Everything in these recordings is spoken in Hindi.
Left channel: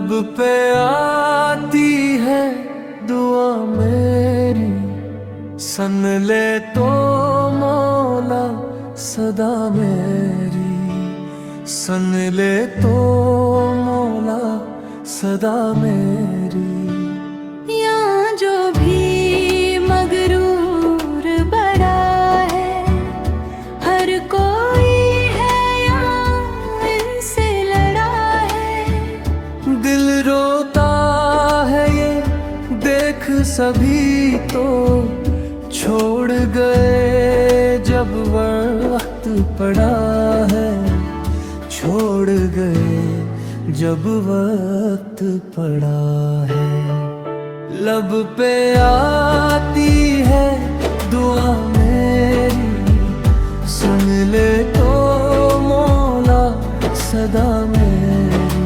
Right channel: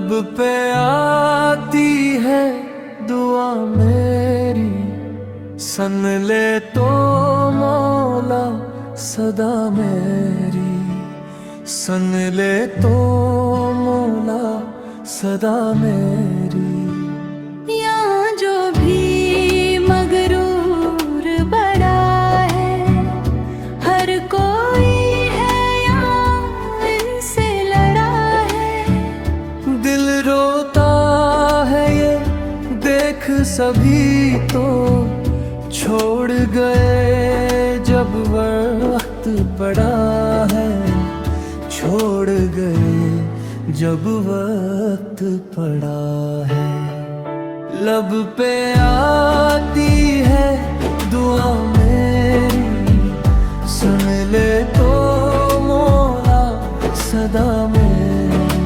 लब पे आती है दुआ मेरी, सन ले तो मौला सदा मेरी, सन ले तो मौला सदा मेरी। यहाँ जो भी मगरूर बड़ा है, हर कोई है यहाँ इनसे लड़ा है। दिल रोता है ये देख सभी तो, छोड़ गए जब वक्त पड़ा है, छोड़ गए जब वक्त पड़ा है। लब पे आती है दुआ मेरी, सुन ले तो मौला सदा मेरी।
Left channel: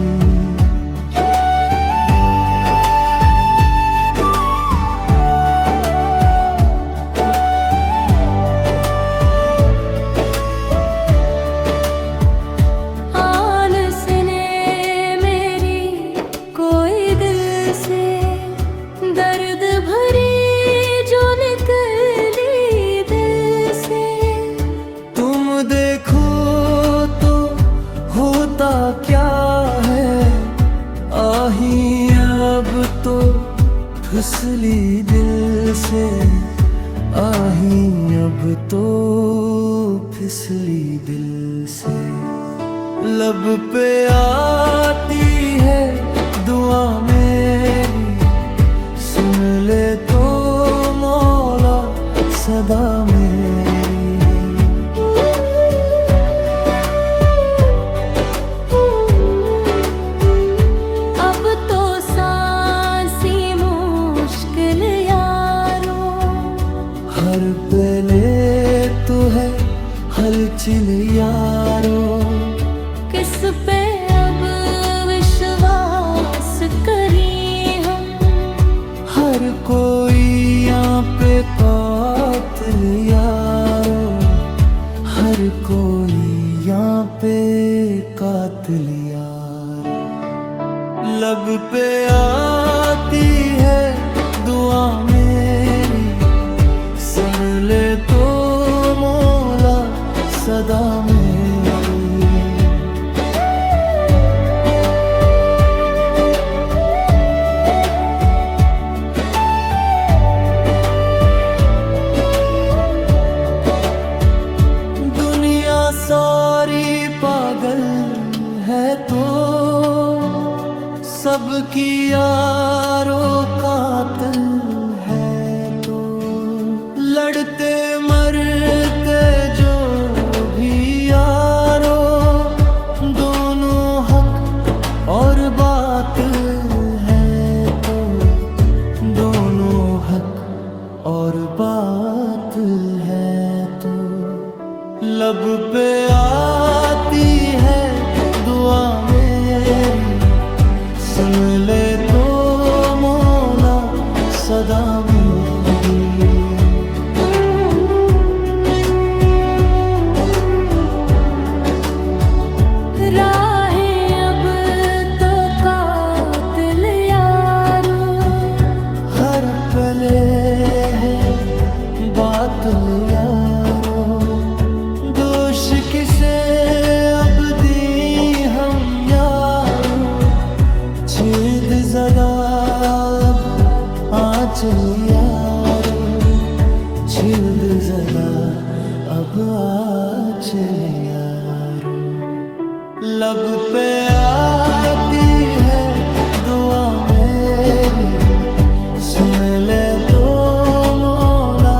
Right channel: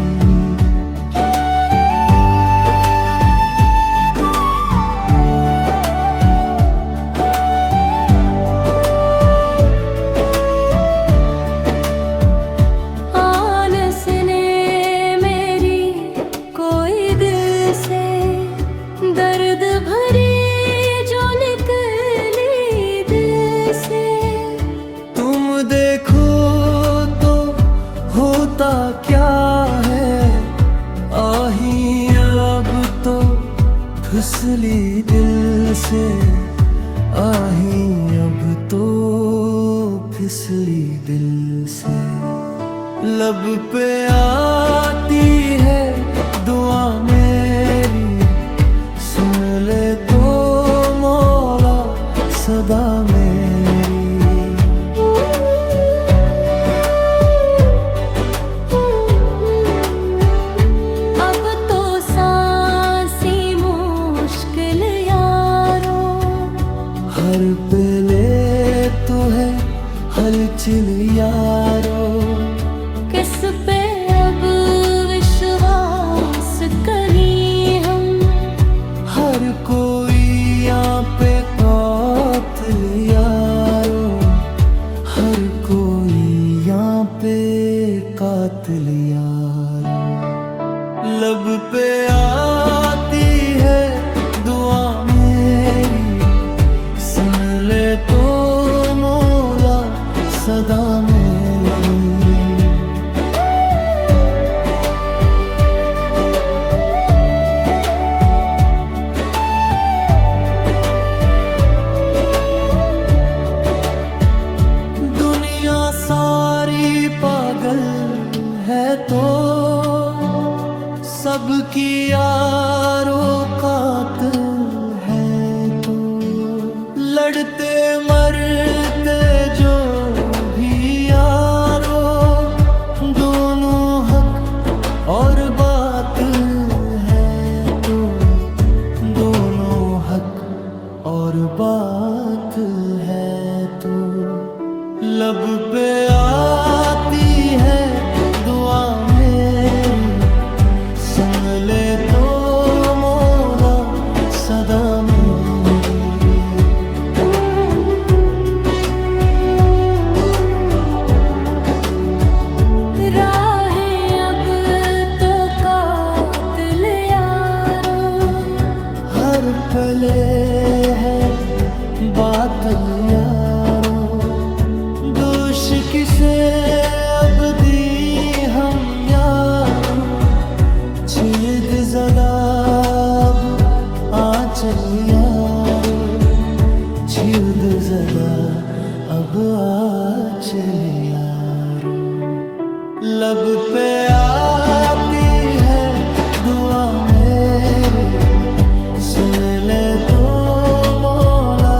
दर्द भरी जो निकली दिल से, तुम देखो तो होता क्या है, आही अब तो फिसली दिल से, आही अब तो फिसली दिल से। लब पे आती है दुआ मेरी, सुन ले तो मौला सदा मेरी। अब तो सांसी मुश्किल यारो, हर पले तो है हलचल यारो, किस पे अब विश्वास करें हम। हर कोई यहाँ पे कातिल यारो, हर कोई यहाँ पे कातिल यारो। लब पे आती है दुआ मेरी, सुन ले तो मौला सदा मेरी। सारी पागल है तो सबकी यारो कातिल है तो, लड़ते मरते जो भी यारो, दोनों हक और बातिल है तो, दोनों हक और बातिल है तो। लब पे आती है दुआ मेरी, सुन ले तो मौला सदा मेरी। राहें अब तो कातिल यारो, हर पले है बातिल यारो, दोष किसे अब दी हम यारो, छेद ज़दा अब आंचल यारो, छेद ज़दा अब आंचल यारो। लब पे आती है दुआ मेरी, सुन ले तो मौला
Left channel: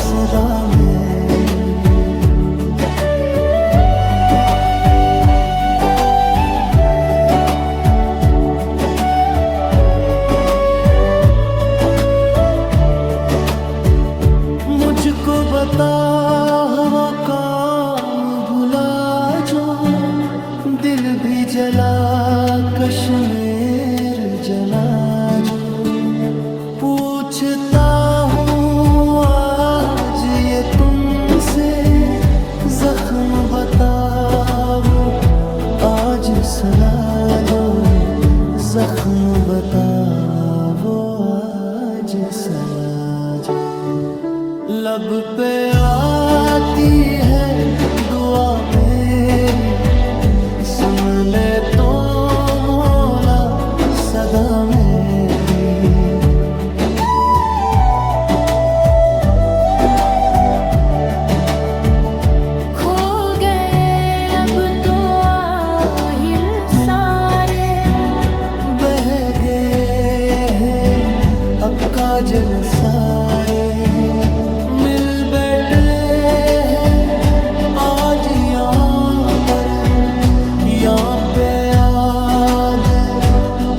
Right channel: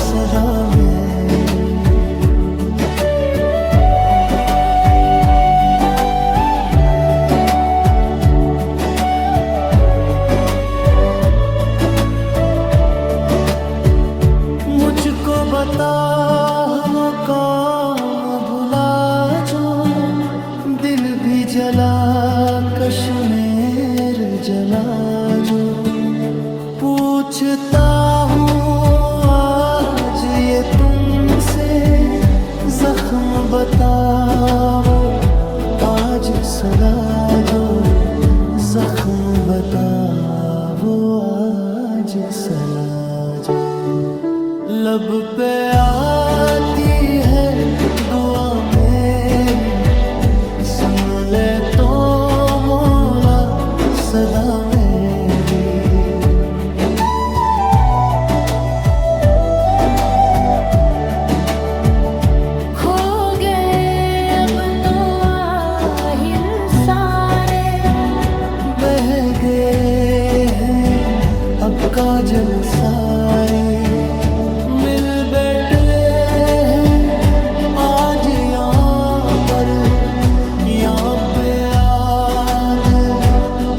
सदा मेरी। मुझको बता वो काम भुला जो, दिल भी जला कश्मीर जला जो। पूछता हूँ आज ये तुमसे, जख्म बताओ आज सुना जो, जख्म बता वो आज सलाज, लब पे आती है दुआ मेरी, सुन ले तो मौला सदा मेरी। खो गए अब तो आहिल सारे, बह गए हैं अब काजल सारे, मिल बैठे हैं आज यहाँ पर, यहाँ पे याद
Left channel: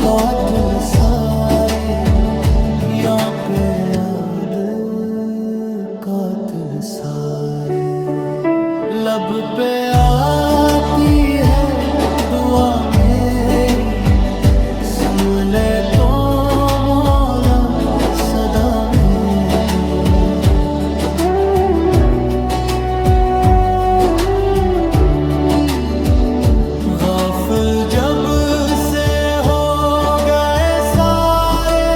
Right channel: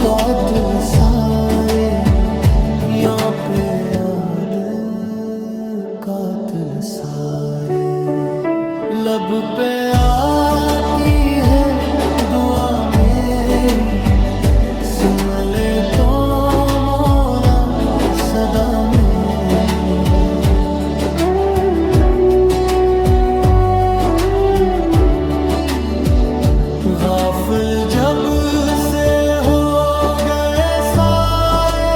कातिल सारे, यहाँ पे याद कातिल सारे। लब पे आती है दुआ मेरी, सुन ले तो मौला सदा मेरी। गाफिल जब से हो गए सारे,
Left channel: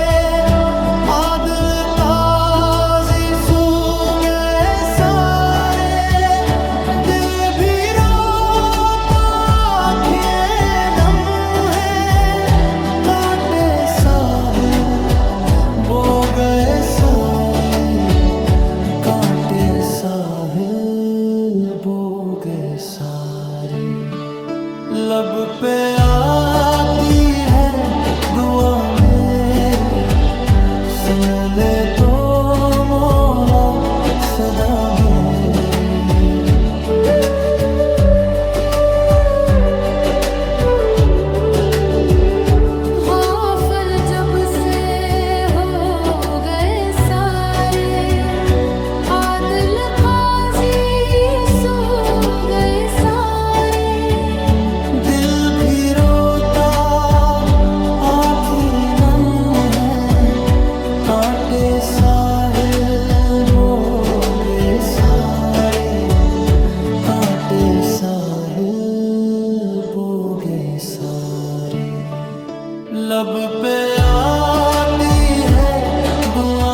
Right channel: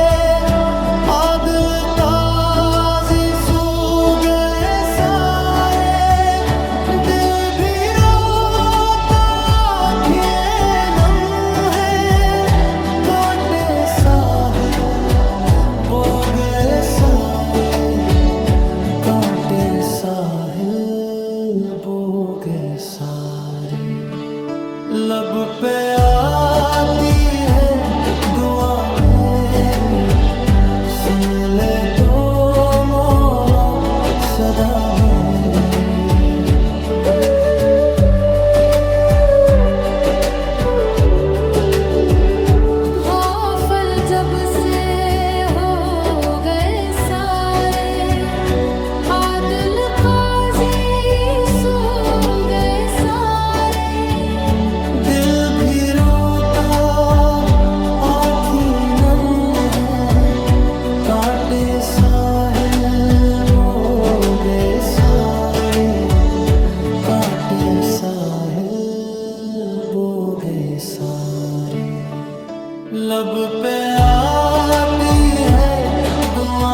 आदिल काजी सू गए सारे, दिल भी रोता आँखें नम है, कांटे साहिल बो गए सारे, कांटे साहिल बो गए सारे। लब पे आती है दुआ मेरी, सुन ले तो मौला सदा मेरी। गाफिल जब से हो गए सारे, आदिल काजी सो गए सारे, दिल भी रोता आँखें नम है, कांटे साहिल बो गए सारे, कांटे साहिल बो गए सारे। लब पे आती है दुआ